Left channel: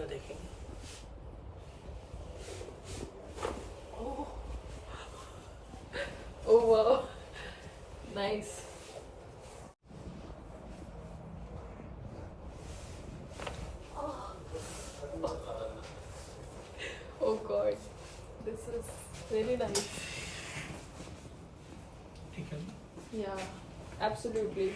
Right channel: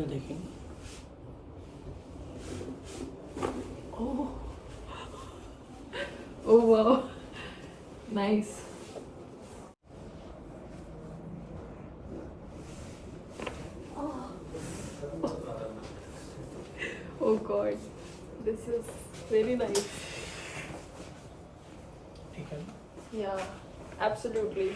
इधर देखेंगे। Oh wow, nice. Oh god, this is very nice. ठीक है। Yeah, absolutely.